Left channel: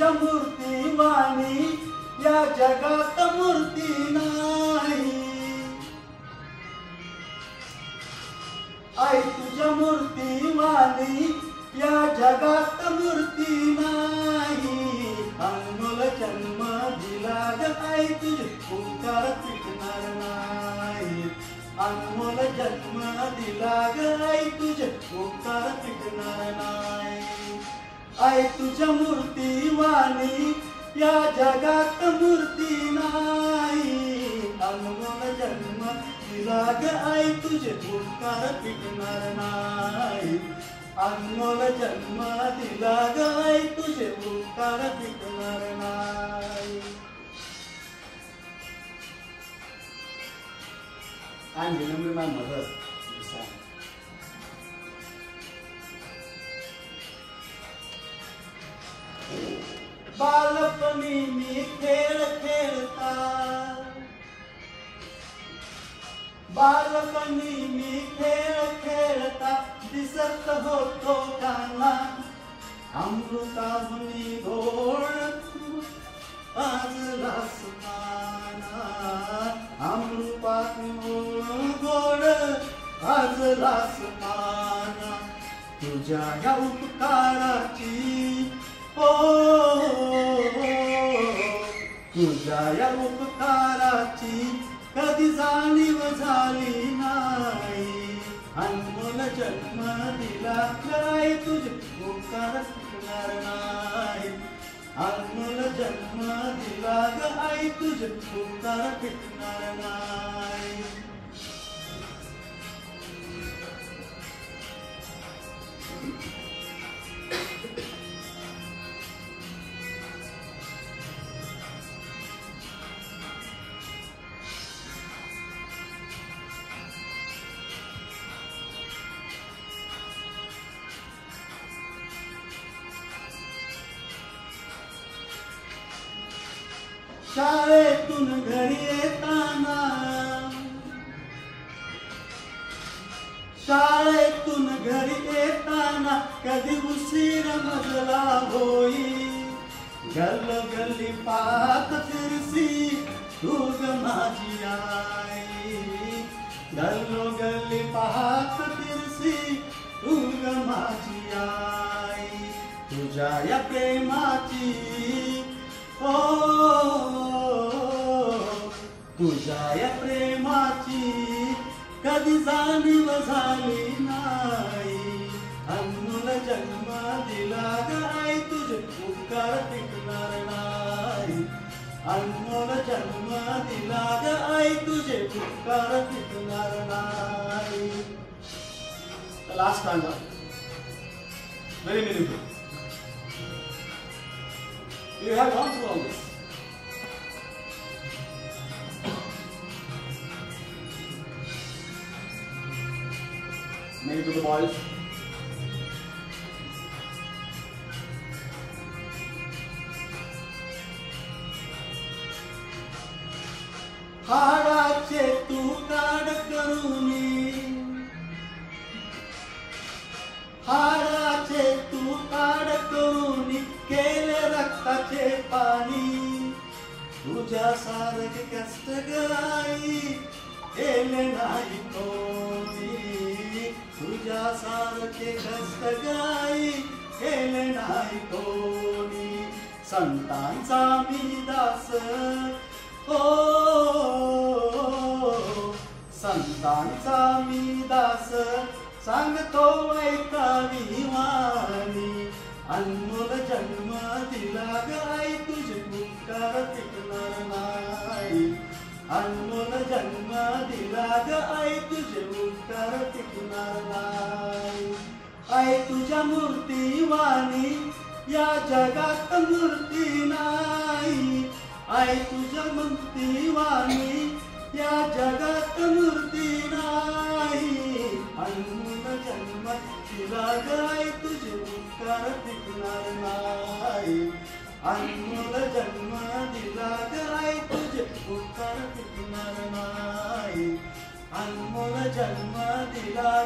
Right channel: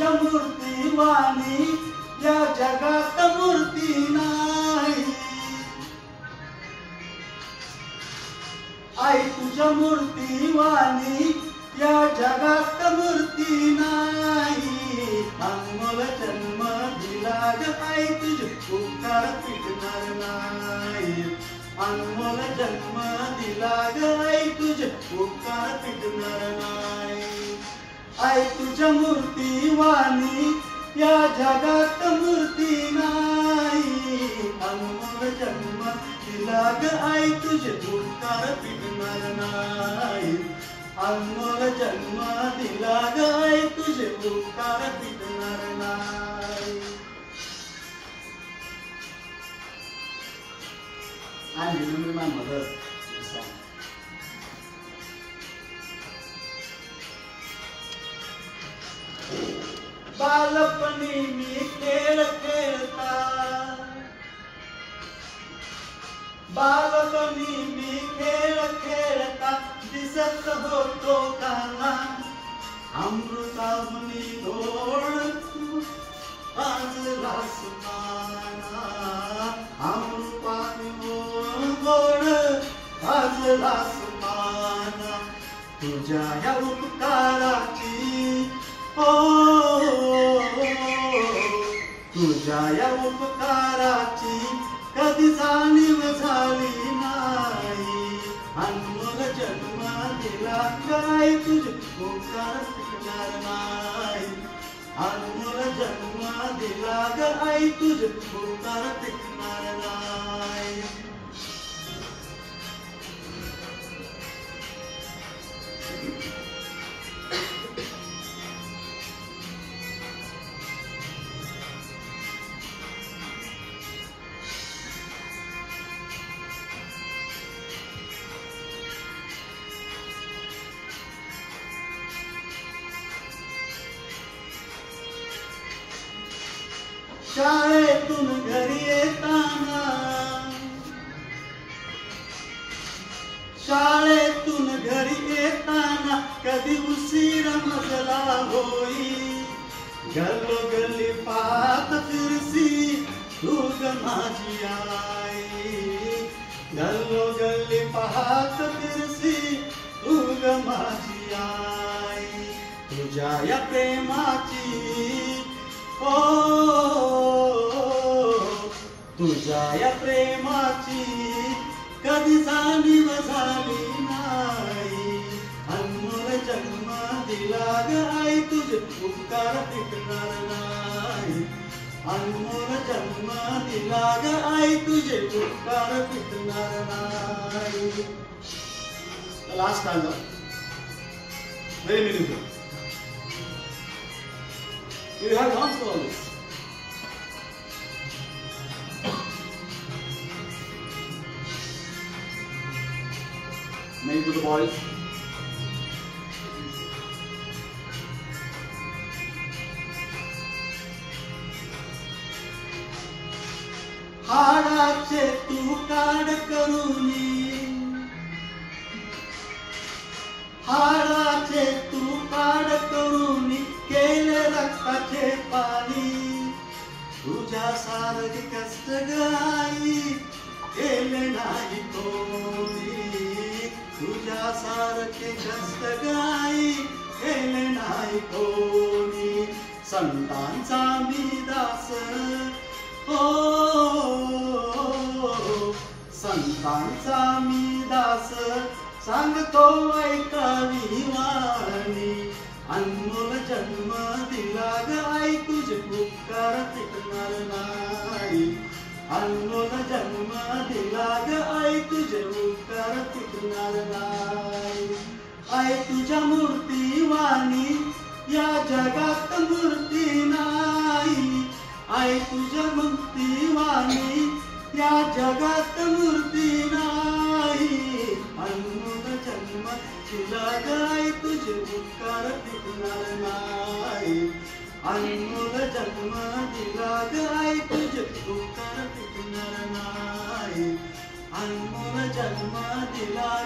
तुझ्या मूर्तीवाणी या जगात मूर्ती नाही. आई तुझ्या मूर्तीवाणी या जगात मूर्ती नाही. अनमोल जन्म दिला ग आई तुझे उपकार फिटणार नाही. अनमोल जन्म दिला ग आई तुझे उपकार फिटणार नाही. आई तुझ्या मूर्तीवाणी या जगात मूर्ती नाही. अनमोल जन्म दिला ग आई तुझे उपकार फिटणार नाही. अनमोल जन्म दिला ग आई तुझे उपकार फिटणार नाही. I'm remembering my mother. बालपणी मी खेळ खेळता, बालपणी मी खेळ खेळता दिसत होतो काना. अमृताहुनी गोड आज रासमाना. अमृताहुनी गोड आज रासमाना. तुझ्या या उपकाराची तुझ्या या उपकाराची कधी जाणीव झाली नाही. अनमोल जन्म दिला काय तुझे उपकार फिटणार नाही. अनमोल जन्म दिला ग आई तुझे उपकार फिटणार नाही. शाळेतून घरी येताना, शाळेतून घरी येताना कधी उशीर मजला होई. गल्लोगल्ली पाहत फिरसी तू ग माझी आई. गल्लोगल्ली पाहत फिरसी तू ग माझी आई. तुझ्या या प्रेमाची तुझ्या या प्रेमाची कधी जाणीव झाली नाही. अनमोल जन्म दिला ग आई तुझे उपकार फिटणार नाही. अनमोल जन्म दिला ग आई तुझे उपकार फिटणार नाही. Last stanza, very meaningful. You have gone through all this. Maybe to the boys. हाडाचे तू काढ करूनी, हाडाचे तू काढ करूनी केले रक्ताचे पाणी. तुझ्या सारखे कष्ट गाई केले नाही कोणी. तुझ्या सारखे कष्ट गाई केले नाही कोणी. संतांचा मी दास संतांचा मी दास सांगतो ऐकावी वाणी. अनमोल जन्म दिला ग आई तुझे उपकार फिटणार नाही. अनमोल जन्म दिला ग आई तुझे उपकार फिटणार नाही. आई तुझ्या मूर्तीवाणी या जगात मूर्ती नाही. आई तुझ्या मूर्तीवाणी या जगात मूर्ती नाही. अनमोल जन्म दिला ग आई तुझे उपकार फिटणार नाही. अनमोल जन्म दिला ग आई तुझे उपकार फिटणार नाही. अनमोल जन्म दिला